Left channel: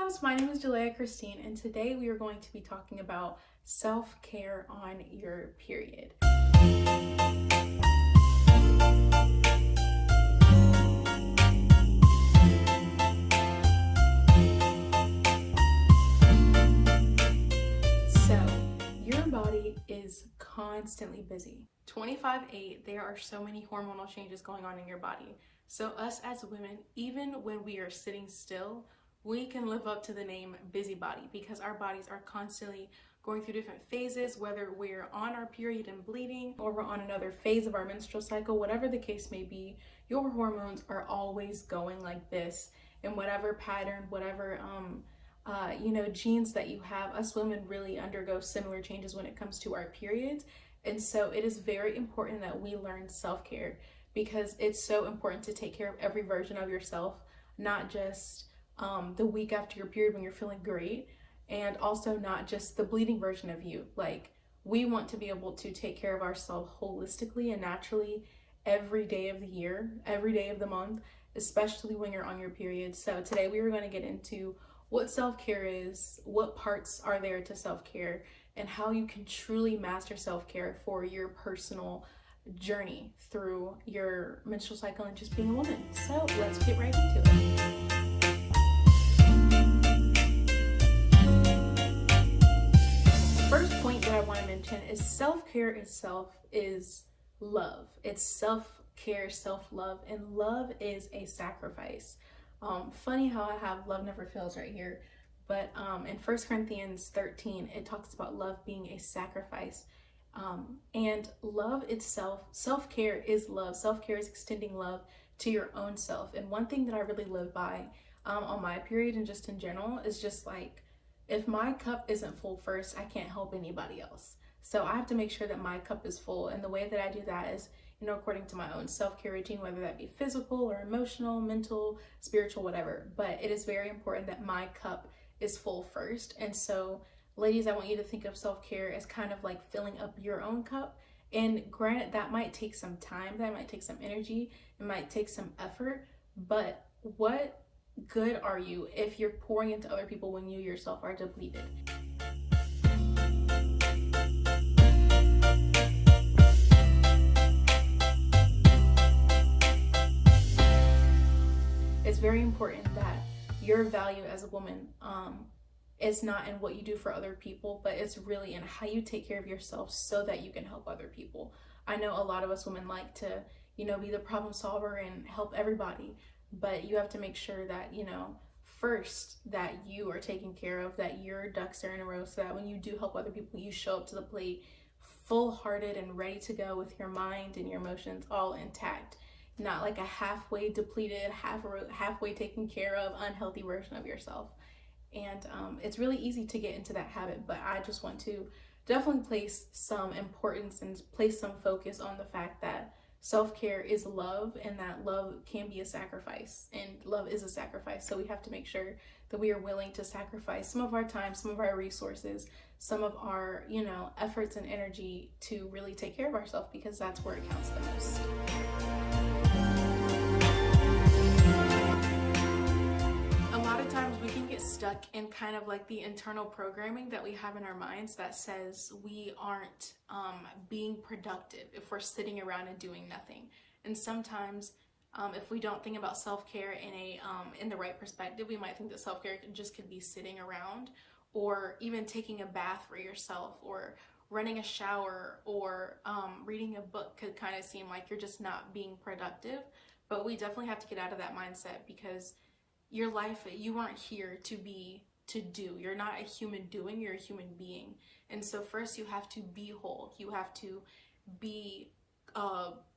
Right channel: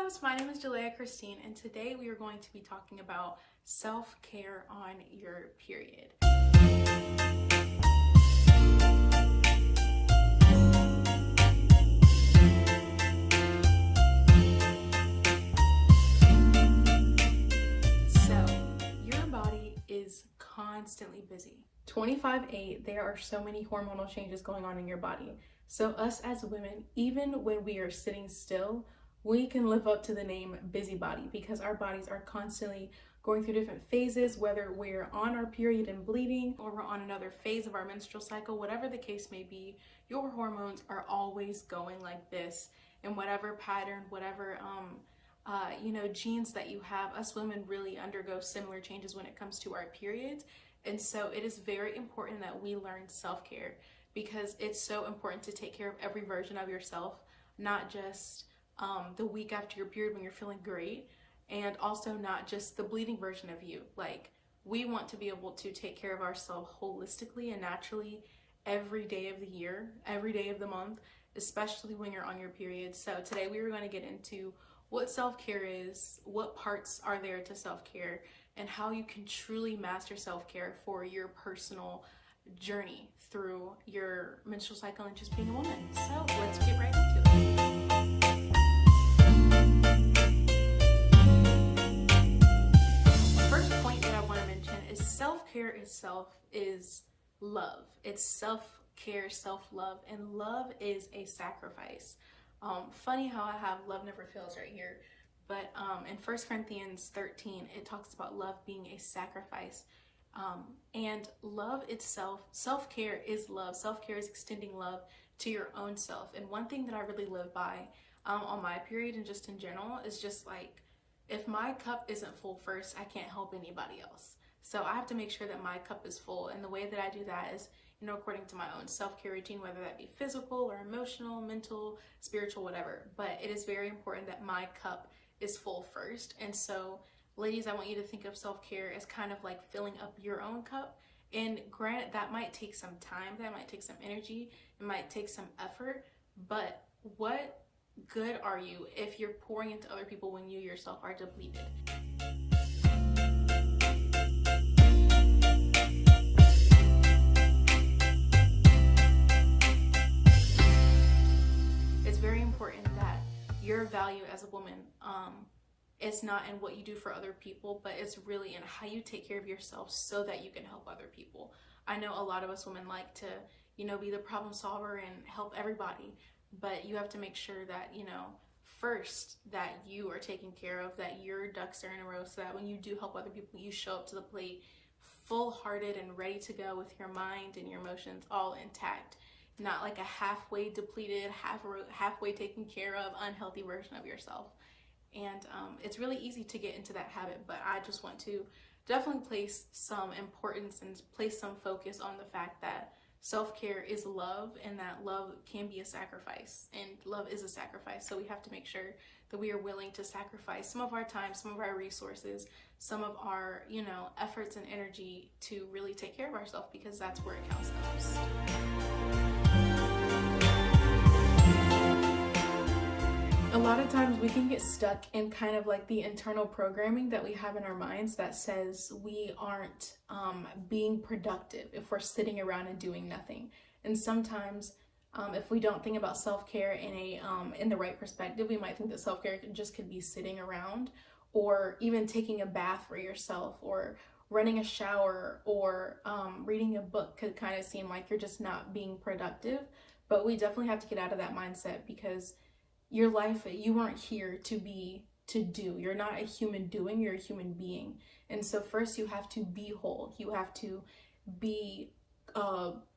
loves, my name is Jalea Christine, and today we are going to be talking about self-care on your period. So, your body is constantly busy. 25/8, there are so many hormonal changes going on in your body. So us as women, even when we are sitting still, we can live up to the name busybody because our bodies are constantly going through different phases, whether we're on our period and bleeding or we're on another phase of our menstrual cycle, whatever the case may be, your hormones are always going like this in whatever pattern, whatever genes that you have. Us women really undergo similar changes when it comes to our periods. And so it is very important that we learn self-care because it's so important to take care of every version of yourself, not just the week after your period when you're feeling great, and also not just the bleeding version of you. Like, we want to be able to take care of ourselves holistically and naturally every day of the year, every day of the month, especially when you're on your period. So today we are going to get into what self-care is, what parts are there to self-care, and how you can truly master self-care for your personal journey through your menstrual cycle and just being a woman. So let's get right into it. First point that I want to mention is self-care itself is love. It's self-care, self-love, and love is a sacrifice. Funny how I have love never fails right here, but in 1 Corinthians 13, it talks about love being a sacrifice. And love itself, self-care is love. Self-care is extending love to your own self. And one thing that I really live by on my period and just in general is just like, if my cup isn't full first, I can't help anybody else. So I have to make sure that my cup is full. And the way that I do that is, according to my own self-care routine, whether that be physical or emotional, mental, spiritual, whatever. But it is very important that my cup is full first. And so, ladies, I want you to think of self-care as kind of like filling up your own cup. And granted, that might take some time, that might take some energy, it might take some effort, but what good are you if you're pouring into other people when you yourself are depleted? It's very important that your value as a woman is not in what you do for other people, but it's really in how you take care of yourself so that you can help other people. I know a lot of us women like to, be the problem solver and help everybody, but you have to make sure that, first that you are taken care of, that your ducks are in a row, so that when you do help other people, you show up to the plate full-hearted and ready to go with your mind and your emotions all intact. Not like a halfway depleted, halfway taken care of, unhealthy version of yourself. And it's really easy to get into that habit, but I just want to definitely place some importance and place some focus on the fact that self-care is love, and that love can be a sacrifice, and love is a sacrifice. So we have to make sure that we are willing to sacrifice some of our time, some of our resources, some of our, efforts and energy to really take care of ourselves, because that's where it counts the most. A lot of times we can get stuck in kind of like the internal programming that we have in our minds that says we aren't being productive if we're sitting around and doing nothing. And sometimes if we don't think about self-care in the right perspective, we might think that self-care just could be sitting around, or even taking a bath for yourself, or running a shower, or reading a book could kind of seem like you're just not being productive. But we definitely have to get out of that mindset, because your life, you weren't here to do. You're not a human doing, you're a human being. And so first you have to be whole. You have to be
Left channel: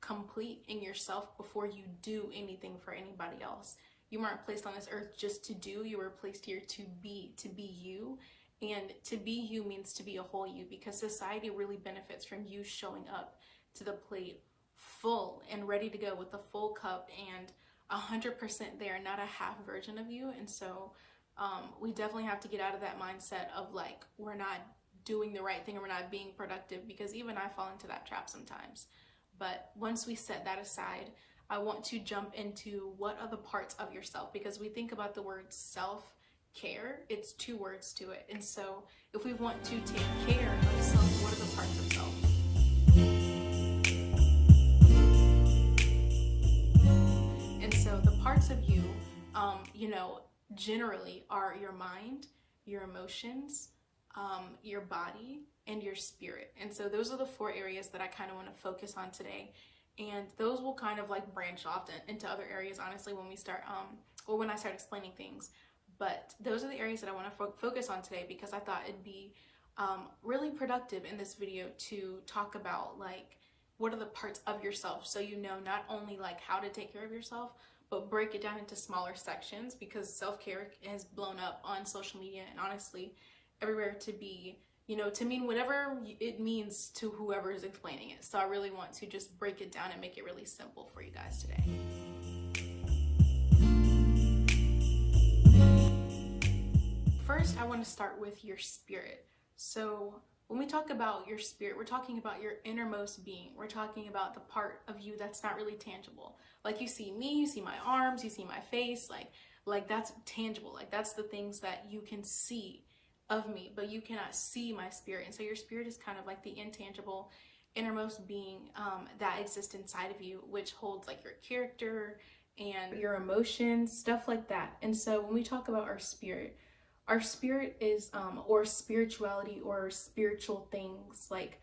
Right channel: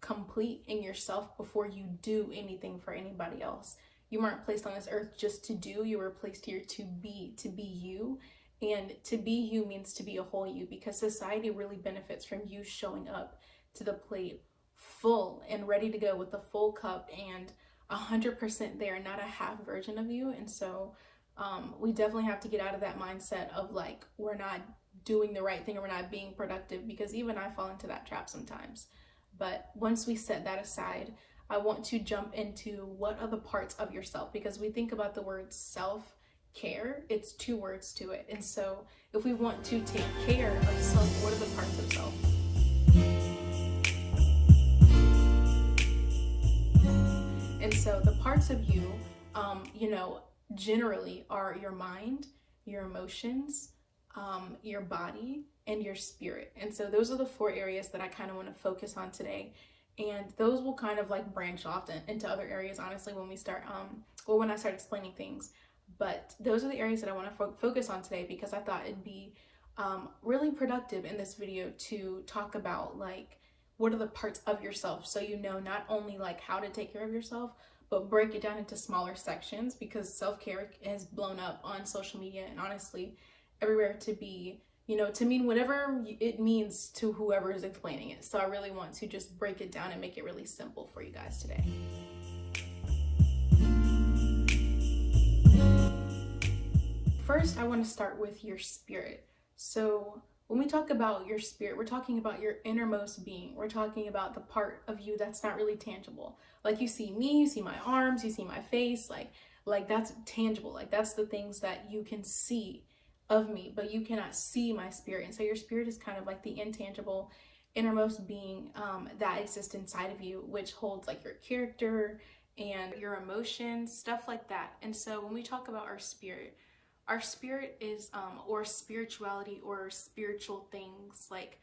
complete in yourself before you do anything for anybody else. You weren't placed on this earth just to do, you were placed here to be you. And to be you means to be a whole you, because society really benefits from you showing up to the plate full and ready to go with a full cup and 100% there, not a half version of you. And so we definitely have to get out of that mindset of like, we're not doing the right thing or we're not being productive, because even I fall into that trap sometimes. But once we set that aside, I want to jump into what are the parts of yourself, because we think about the word self care, it's two words to it. And so if we want to take care of self, what are the parts of self? And so the parts of you, generally are your mind, your emotions, your body, and your spirit. And so those are the four areas that I kind of want to focus on today. And those will kind of like branch off into other areas, honestly, when we start, or when I start explaining things. But those are the areas that I want to focus on today, because I thought it'd be really productive in this video to talk about like what are the parts of yourself, so you know not only like how to take care of yourself, but break it down into smaller sections, because self-care has blown up on social media and honestly everywhere to be, to mean whatever it means to whoever is explaining it. So I really want to just break it down and make it really simple for you guys today. First, I want to start with your spirit. So when we talk about your spirit, we're talking about your innermost being. We're talking about the part of you that's not really tangible. Like you see me, you see my arms, you see my face, like that's tangible. Like that's the things that you can see of me, but you cannot see my spirit. And so your spirit is kind of like the intangible innermost being that exists inside of you, which holds like your character and your emotions, stuff like that. And so when we talk about our spirit is, or spirituality or spiritual things, like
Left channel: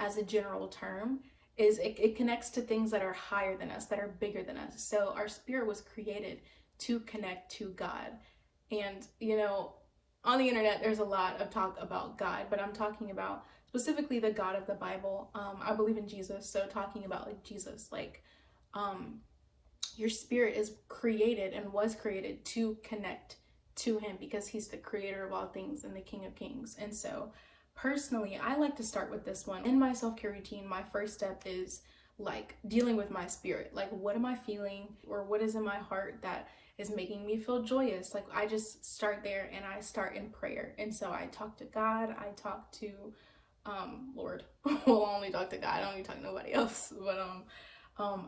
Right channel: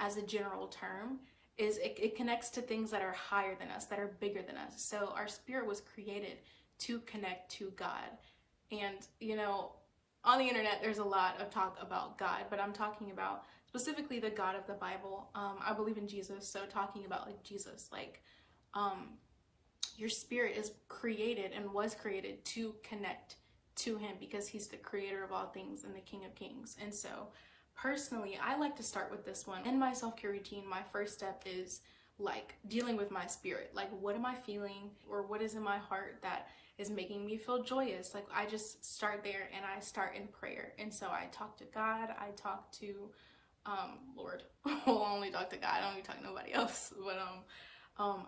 as a general term, is it connects to things that are higher than us, that are bigger than us. So our spirit was created to connect to God. And, on the internet, there's a lot of talk about God, but I'm talking about specifically the God of the Bible. I believe in Jesus, so talking about like Jesus, like your spirit is created and was created to connect to him, because he's the creator of all things and the King of Kings. And so personally, I like to start with this one. In my self-care routine, my first step is like dealing with my spirit. Like, what am I feeling, or what is in my heart that is making me feel joyous? Like, I just start there and I start in prayer. And so I talk to God, I talk to Lord. Well, I only talk to God, I don't even talk to nobody else. But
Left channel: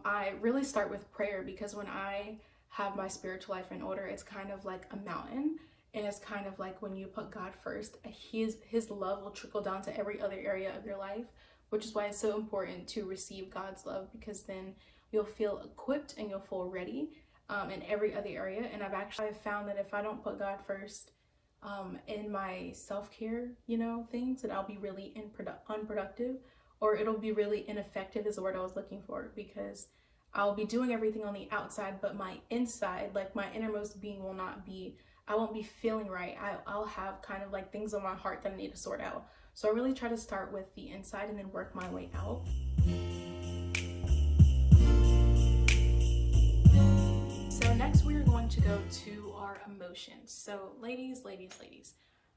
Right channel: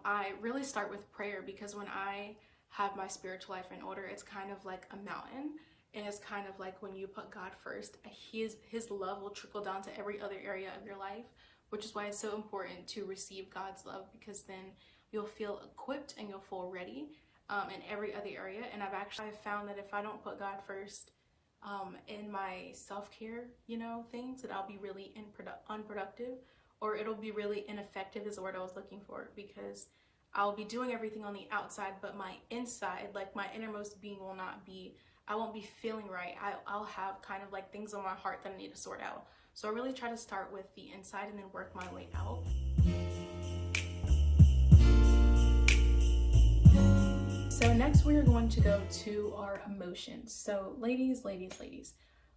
I really start with prayer, because when I have my spiritual life in order, it's kind of like a mountain, and it's kind of like when you put God first, his love will trickle down to every other area of your life, which is why it's so important to receive God's love, because then you'll feel equipped and you'll feel ready in every other area. And I've found that if I don't put God first in my self-care, things, that I'll be really unproductive, or it'll be really ineffective is the word I was looking for, because I'll be doing everything on the outside, but my inside, like my innermost being, I won't be feeling right. I'll have kind of like things on my heart that I need to sort out. So I really try to start with the inside and then work my way out. So next we're going to go to our emotions. So ladies,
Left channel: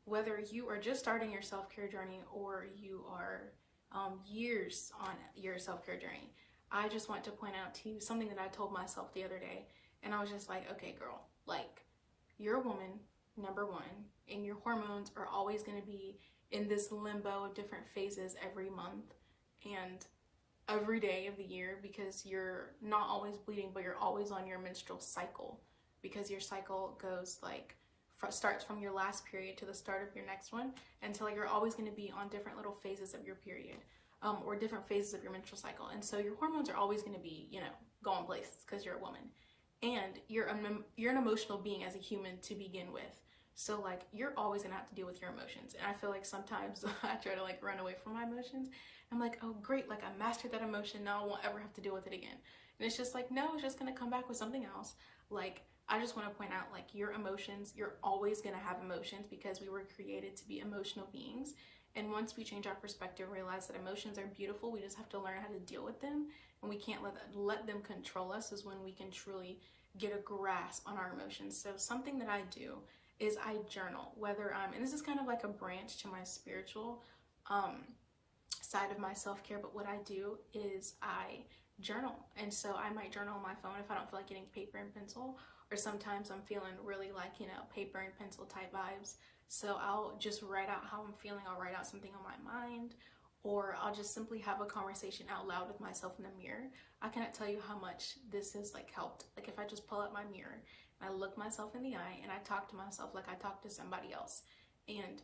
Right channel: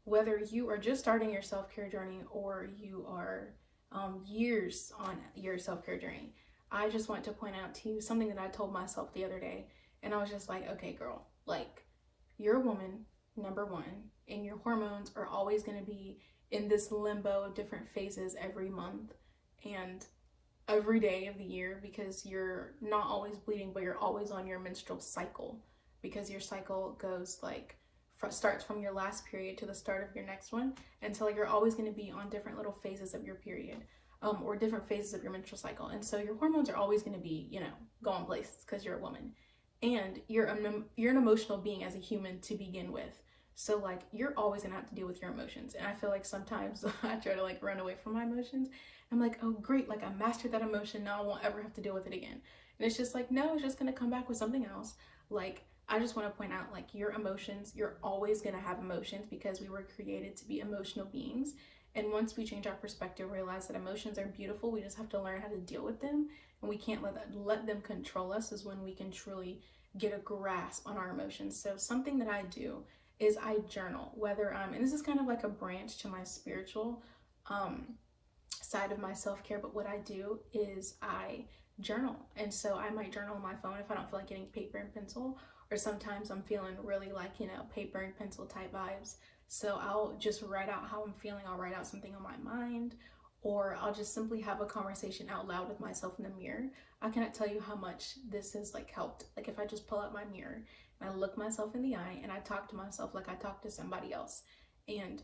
whether you are just starting your self-care journey or you are years on your self-care journey, I just want to point out to you something that I told myself the other day. And I was just like, okay, girl, like, you're a woman, number one, and your hormones are always going to be in this limbo of different phases every month and every day of the year, because you're not always bleeding, but you're always on your menstrual cycle, because your cycle goes like starts from your last period to the start of your next one. And so like you're always going to be on different little phases of your period, or different phases of your menstrual cycle. And so your hormones are always going to be, going places, because you're a woman, and you're an emotional being as a human to begin with. So like you're always gonna have to deal with your emotions. And I feel like sometimes I try to like run away from my emotions. I'm like, oh great, like I mastered that emotion, now I won't ever have to deal with it again. And it's just like, no, it's just gonna come back with something else. Like, I just want to point out, like, your emotions, you're always gonna have emotions, because we were created to be emotional beings. And once we change our perspective, realize that emotions are beautiful, we just have to learn how to deal with them, and we can't let them control us, is when we can truly get a grasp on our emotions. So something that I do is I journal, whether and this is kind of like a branch to my spiritual side of my self-care, but what I do is I journal. And so I might journal on my phone if I don't feel like getting paper and pencil, or sometimes I'm feeling really like, paper and pencil type vibes. So I'll just write out how I'm feeling. I'll write out something on my mind, or I'll just simply have a conversation out loud with myself in the mirror. I cannot tell you how much this has like helped. Like if I just pull out my mirror, I look myself in the eye and I talk to myself like I talk to somebody else. And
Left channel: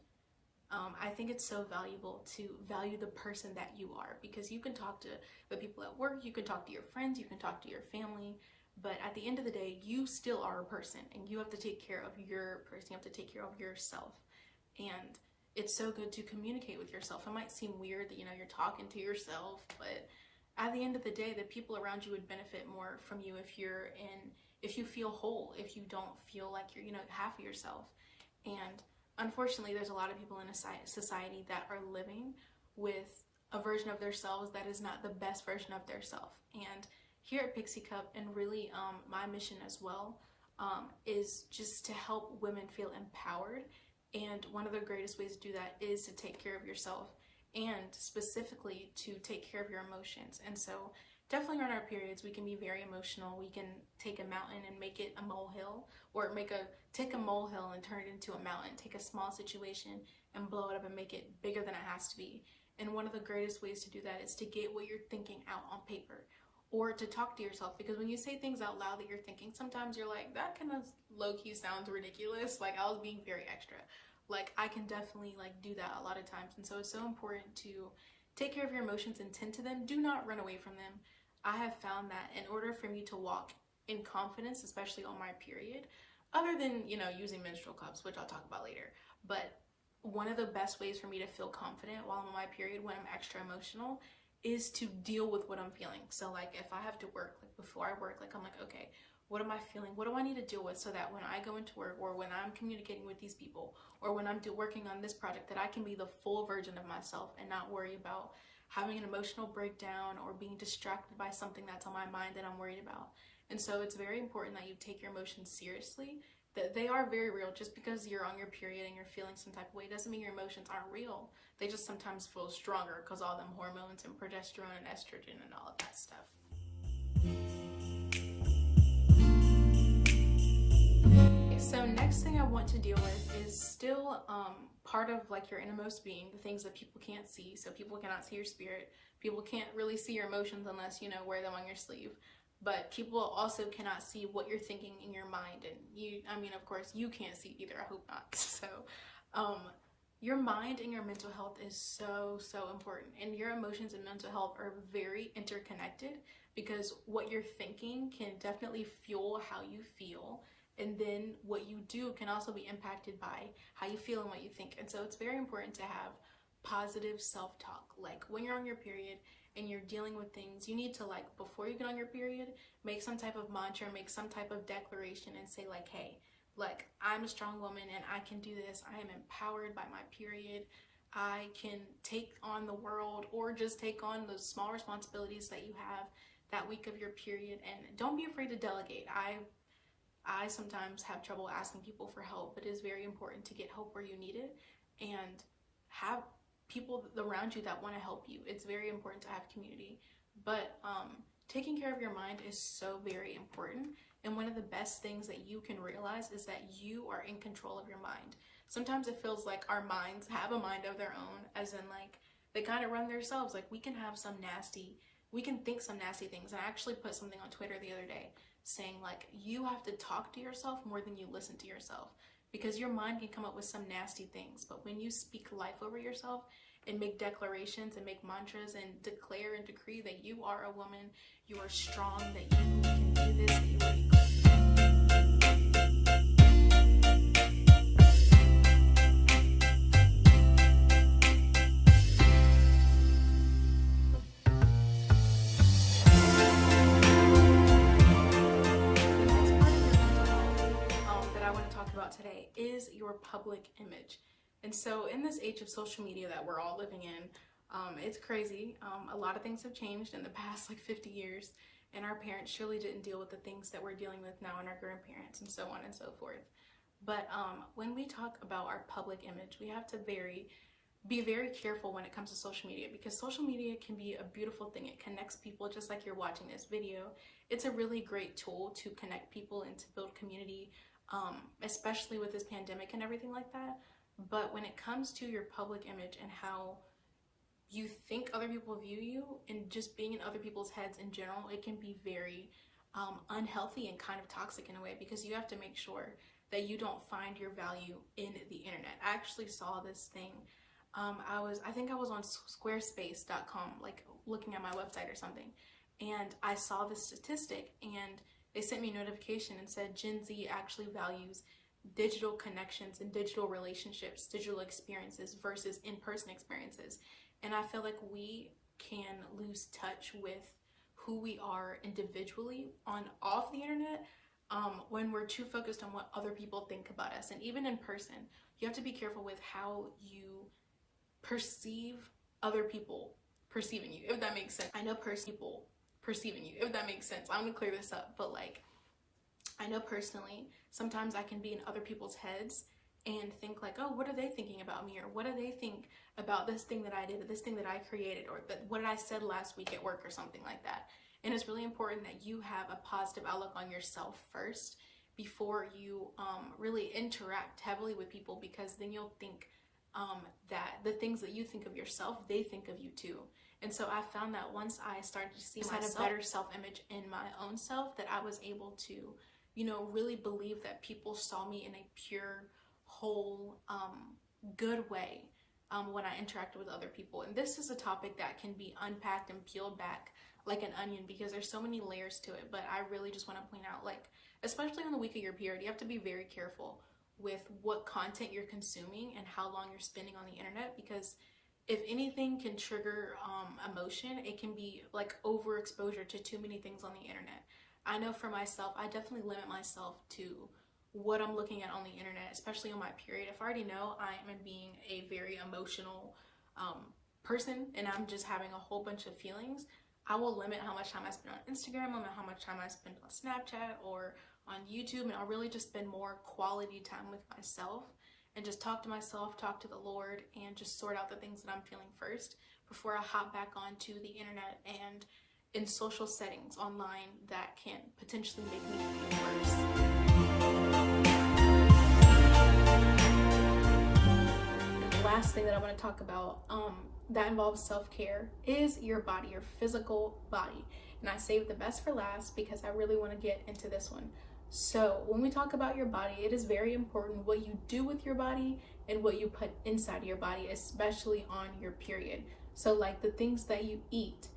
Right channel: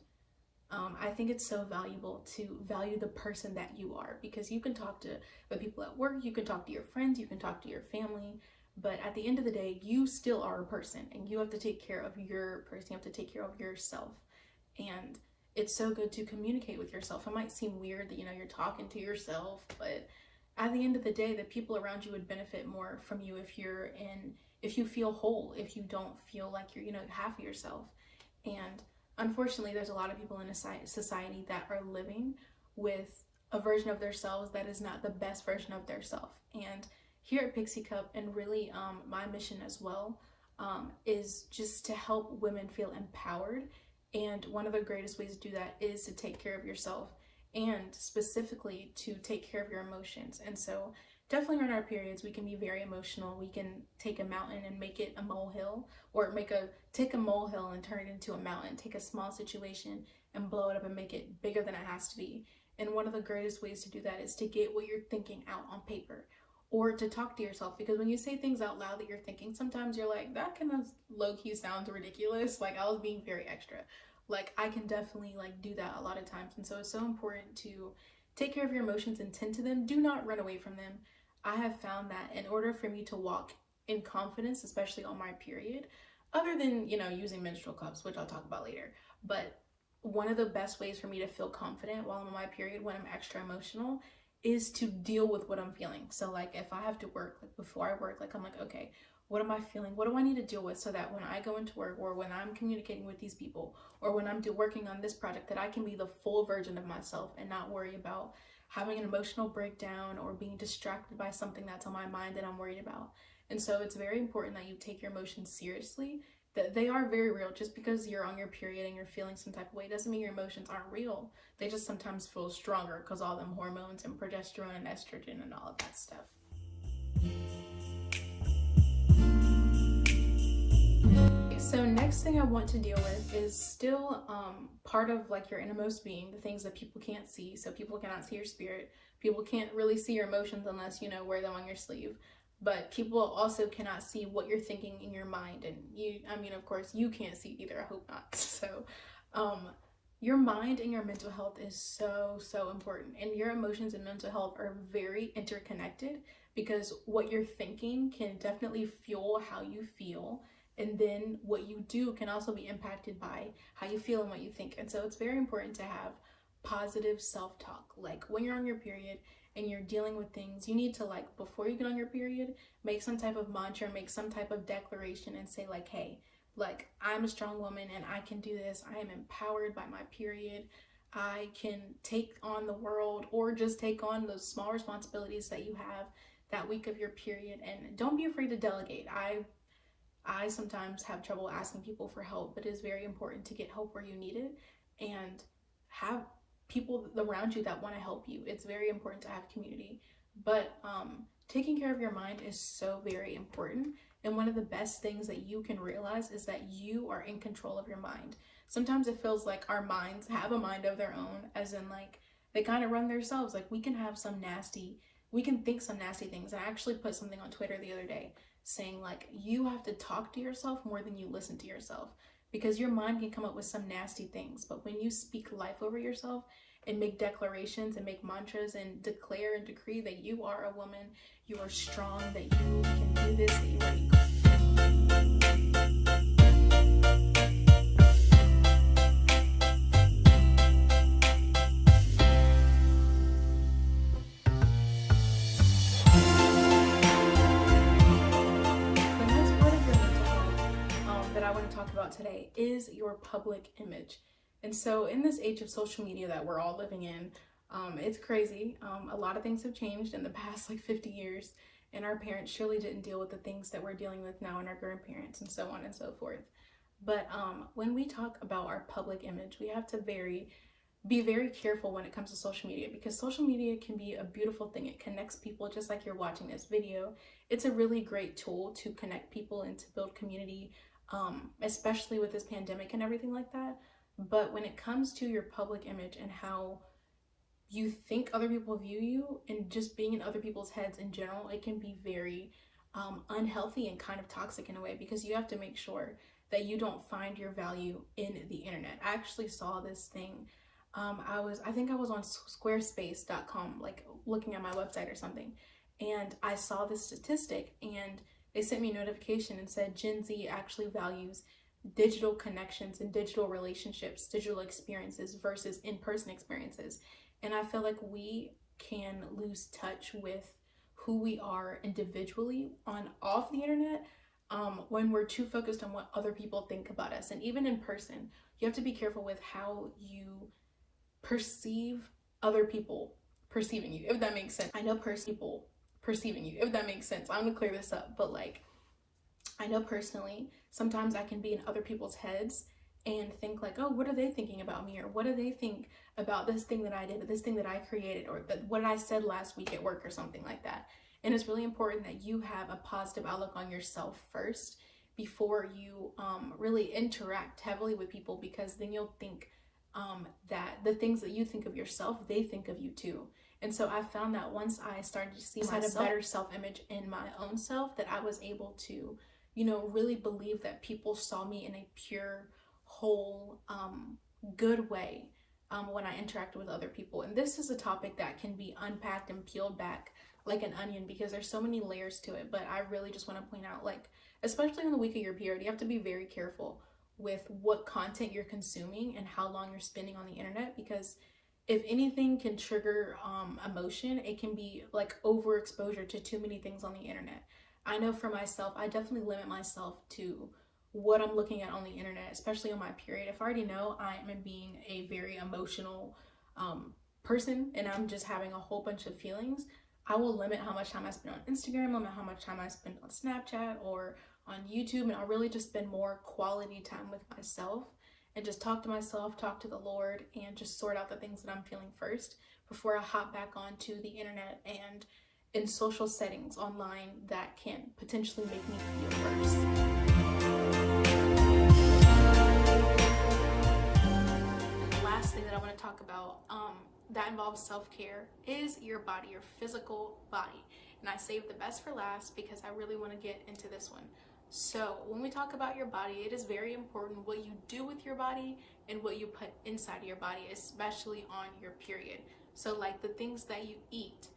I think it's so valuable to value the person that you are, because you can talk to the people at work, you can talk to your friends, you can talk to your family, but at the end of the day, you still are a person and you have to take care of your person, you have to take care of yourself. And it's so good to communicate with yourself. It might seem weird that, you're talking to yourself, but at the end of the day, the people around you would benefit more from you if you feel whole, if you don't feel like you're, half of yourself. And unfortunately, there's a lot of people in a society that are living with a version of themselves that is not the best version of their self. And here at Pixie Cup, and really my mission as well, is just to help women feel empowered. And one of the greatest ways to do that is to take care of yourself, and specifically to take care of your emotions. And so definitely on our periods, we can be very emotional. We can take a mountain and make it a molehill, or take a molehill and turn it into a mountain, take a small situation and blow it up and make it bigger than it has to be. And one of the greatest ways to do that is to get what you're thinking out on paper, or to talk to yourself. Because when you say things out loud that you're thinking, sometimes you're like, that kind of low-key sounds ridiculous. Like, I was being very extra. Like, I can definitely do that a lot of times. And so it's so important to take care of your emotions and tend to them. Do not run away from them. I have found that in order for me to walk in confidence, especially on my period, other than, using menstrual cups, which I'll talk about later, but one of the best ways for me to feel confident while I'm on my period, when I'm extra emotional, is to deal with what I'm feeling. So like, if I have to work, like before I work, like I'm like, okay, what am I feeling? What do I need to deal with, so that when I go into work, or when I'm communicating with these people, or when I'm working on this project, that I can be the full version of myself and not worry about having an emotional breakdown or being distracted by something that's on my mind that I'm worried about. And so it's very important that you take your emotions seriously, that they are very real. Just because you're on your period and you're feeling some type of way doesn't mean your emotions aren't real. They just sometimes feel stronger because all them hormones and progesterone and estrogen and all of that stuff. So next thing I want to deal with is still part of like your innermost being, the things that people can't see. So people cannot see your spirit. People can't really see your emotions unless you wear them on your sleeve. But people also cannot see what you're thinking in your mind. And of course, you can't see either. I hope not. So your mind and your mental health is so important. And your emotions and mental health are very interconnected, because what you're thinking can definitely fuel how you feel. And then what you do can also be impacted by how you feel and what you think. And so it's very important to have positive self-talk. Like when you're on your period and you're dealing with things, you need to, like, before you get on your period, make some type of mantra, make some type of declaration and say like, hey, like, I'm a strong woman and I can do this. I am empowered by my period. I can take on the world, or just take on those small responsibilities that you have that week of your period. And don't be afraid to delegate. I sometimes have trouble asking people for help, but it is very important to get help where you need it and have people around you that want to help you. It's very important to have community. But taking care of your mind is so very important. And one of the best things that you can realize is that you are in control of your mind. Sometimes it feels like our minds have a mind of their own, as in like they kind of run themselves. Like we can think some nasty things. And I actually put something on Twitter the other day saying like, you have to talk to yourself more than you listen to yourself, because your mind can come up with some nasty things, but when you speak life over yourself and make declarations and make mantras and declare and decree that you are a woman, you are strong, that you can do this, that you are today is your public image. And so in this age of social media that we're all living in, it's crazy. A lot of things have changed in the past like 50 years, and our parents surely didn't deal with the things that we're dealing with now, and our grandparents and so on and so forth. But when we talk about our public image, we have to be very careful when it comes to social media, because social media can be a beautiful thing. It connects people, just like you're watching this video. It's a really great tool to connect people and to build community, especially with this pandemic and everything like that. But when it comes to your public image and how you think other people view you, and just being in other people's heads in general, it can be very unhealthy and kind of toxic in a way, because you have to make sure that you don't find your value in the internet. I actually saw this thing. I think I was on squarespace.com, like looking at my website or something, and I saw this statistic, and they sent me a notification and said Gen Z actually values digital connections and digital relationships, digital experiences versus in-person experiences. And I feel like we can lose touch with who we are individually on off the internet, when we're too focused on what other people think about us. And even in person, you have to be careful with how you perceive other people perceiving you, if that makes sense. I know people perceiving you, if that makes sense. I'm gonna clear this up, but like, I know personally, sometimes I can be in other people's heads and think like, oh, what are they thinking about me? Or what do they think about this thing that I did, or this thing that I created, or what I said last week at work, or something like that. And it's really important that you have a positive outlook on yourself first before you really interact heavily with people, because then you'll think that the things that you think of yourself, they think of you too. And so I found that once I started to see myself, had a better self-image in my own self, that I was able to, you know, really believe that people saw me in a pure, whole, good way when I interacted with other people. And this is a topic that can be unpacked and peeled back like an onion, because there's so many layers to it. But I really just want to point out, like, especially on the week of your period, you have to be very careful with what content you're consuming and how long you're spending on the internet, because if anything can trigger emotion, it can be like overexposure to too many things on the internet. I know for myself, I definitely limit myself to what I'm looking at on the internet, especially on my period. If I already know I am being a very emotional person and I'm just having a whole bunch of feelings, I will limit how much time I spend on Instagram, limit how much time I spend on Snapchat or on YouTube, and I'll really just spend more quality time with myself and just talk to myself, talk to the Lord, and just sort out the things that I'm feeling first before I hop back onto the internet and in social settings online that can potentially make me feel worse. And the last thing that I want to talk about that involves self-care is your body, your physical body. And I saved the best for last because I really want to get into this one. So when we talk about your body, it is very important what you do with your body and what you put inside your body, especially on your period. So like the things that you eat,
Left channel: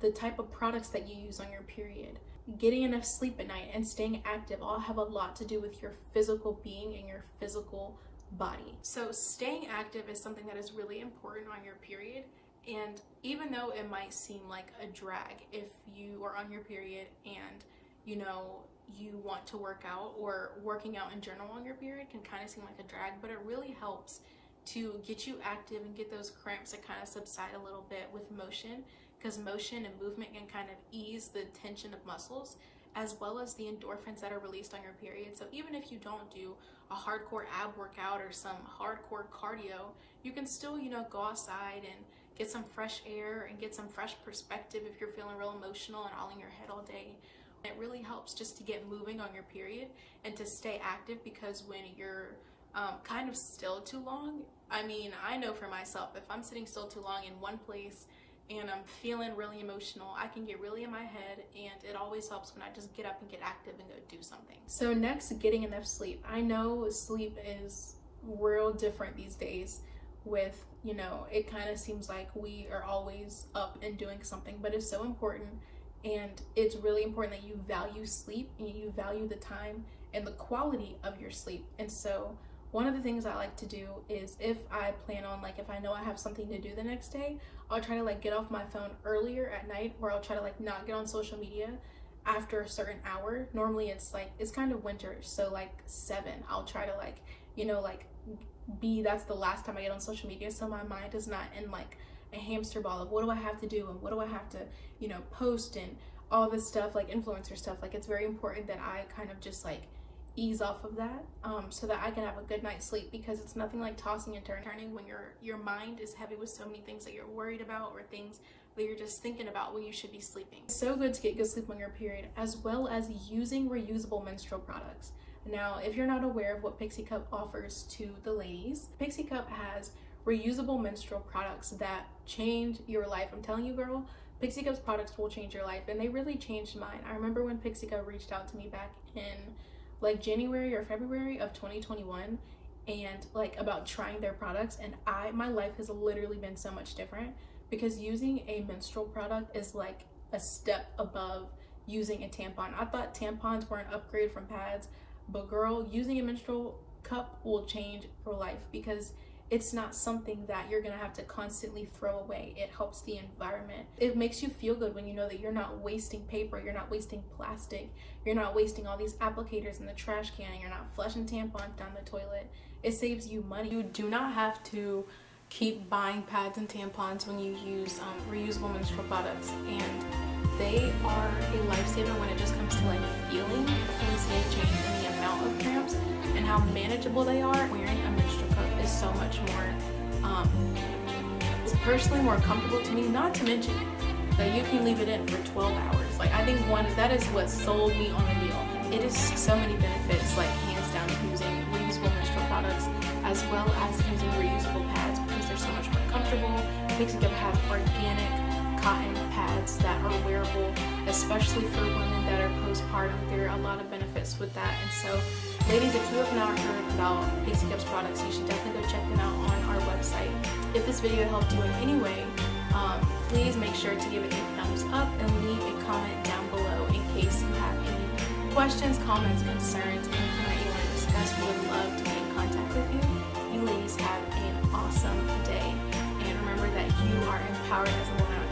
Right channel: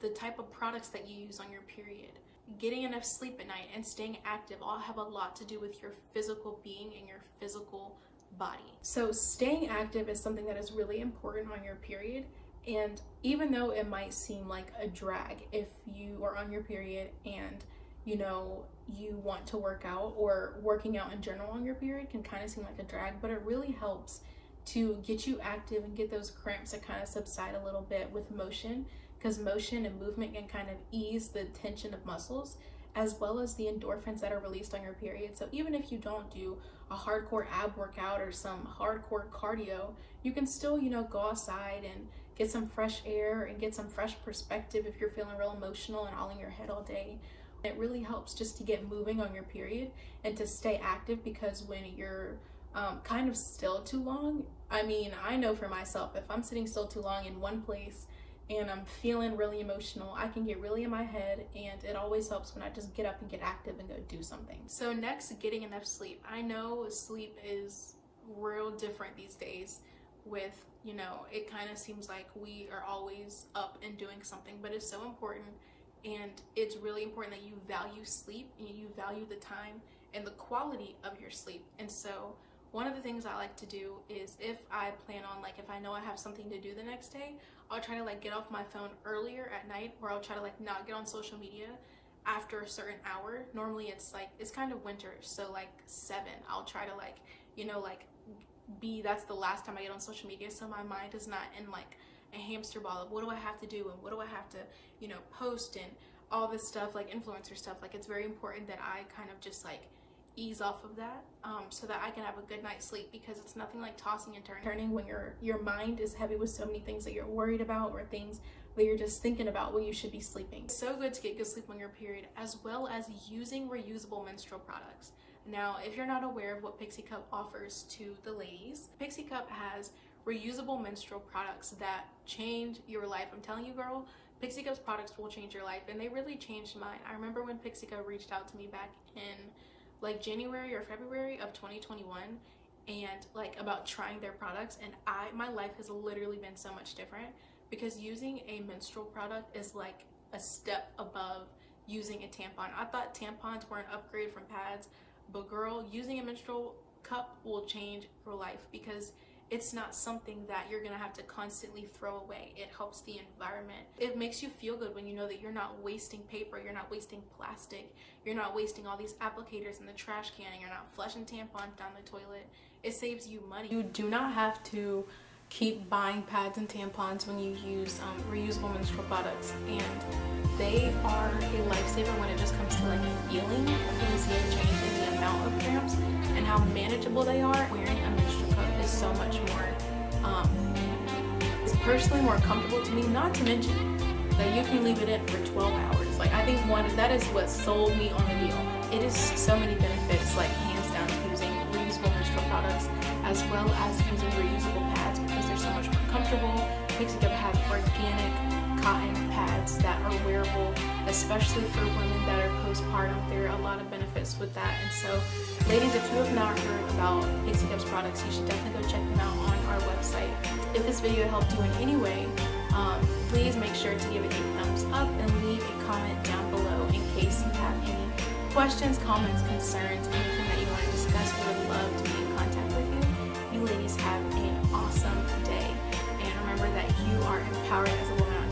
the type of products that you use on your period, getting enough sleep at night, and staying active all have a lot to do with your physical being and your physical body. So staying active is something that is really important on your period. And even though it might seem like a drag if you are on your period and you know you want to work out, or working out in general on your period can kind of seem like a drag, but it really helps to get you active and get those cramps to kind of subside a little bit with motion, because motion and movement can kind of ease the tension of muscles as well as the endorphins that are released on your period. So even if you don't do a hardcore ab workout or some hardcore cardio, you can still, you know, go outside and get some fresh air and get some fresh perspective if you're feeling real emotional and all in your head all day. It really helps just to get moving on your period and to stay active, because when you're kind of still too long, I mean, I know for myself, if I'm sitting still too long in one place and I'm feeling really emotional, I can get really in my head, and it always helps when I just get up and get active and go do something. So next, getting enough sleep. I know sleep is real different these days with, you know, it kind of seems like we are always up and doing something, but it's so important. And it's really important that you value sleep and you value the time and the quality of your sleep. And so one of the things I like to do is, if I plan on, like, if I know I have something to do the next day, I'll try to like get off my phone earlier at night, or I'll try to like not get on social media after a certain hour. Normally it's like, it's kind of winter, so like 7, I'll try to like, you know, like that's the last time I get on social media, so my mind is not in like a hamster ball of what do I have to do and what do I have to, you know, post and all this stuff, like influencer stuff. Like, it's very important that I kind of just like ease off of that, so that I can have a good night's sleep, because it's nothing like tossing and turning when your mind is heavy with so many things that you're worried about, or things that you're just thinking about when you should be sleeping. It's so good to get good sleep on your period, as well as using reusable menstrual products. Now, if you're not aware of what Pixie Cup offers to the ladies, Pixie Cup has reusable menstrual products that change your life. I'm telling you, girl, Pixie Cups products will change your life, and they really changed mine. I remember when Pixie Cup reached out to me back in like January or February of 2021, and like about trying their products, and my life has literally been so much different, because using a menstrual product is like a step above using a tampon. I thought tampons were an upgrade from pads, but girl, using a menstrual cup will change your life, because it's not something that you're gonna have to constantly throw away. It helps the environment. It makes you feel good when you know that you're not wasting paper, you're not wasting plastic, you're not wasting all these applicators in the trash can, and you're not flushing tampons down the toilet. It saves you money. You do not have to keep buying pads and tampons when you use reusable menstrual products, and they are a lifesaver when it just comes to like feeling. I definitely see a change in the amount of cramps and how manageable they are. Wearing a menstrual cup is so much more, it's personally more comfortable to me, not to mention that you can leave it in for 12 hours. Like, I think that is what sold me on the deal. It is so many benefits, like hands down, to using reusable menstrual products as well as using reusable pads, because they're so much more comfortable. Pixie Cup has organic cotton pads that are wearable, especially for women that are postpartum. There are a lot of benefits with that. And so, ladies, if you have not heard about Pixie Cup's products, you should definitely go check them out on our website. If this video helped you in any way, please make sure to give it a thumbs up and leave a comment down below in case you have any questions, comments, concerns, anything that you want to discuss. We would love to be in contact with you. You ladies have an awesome day, and remember that you are empowered as a woman.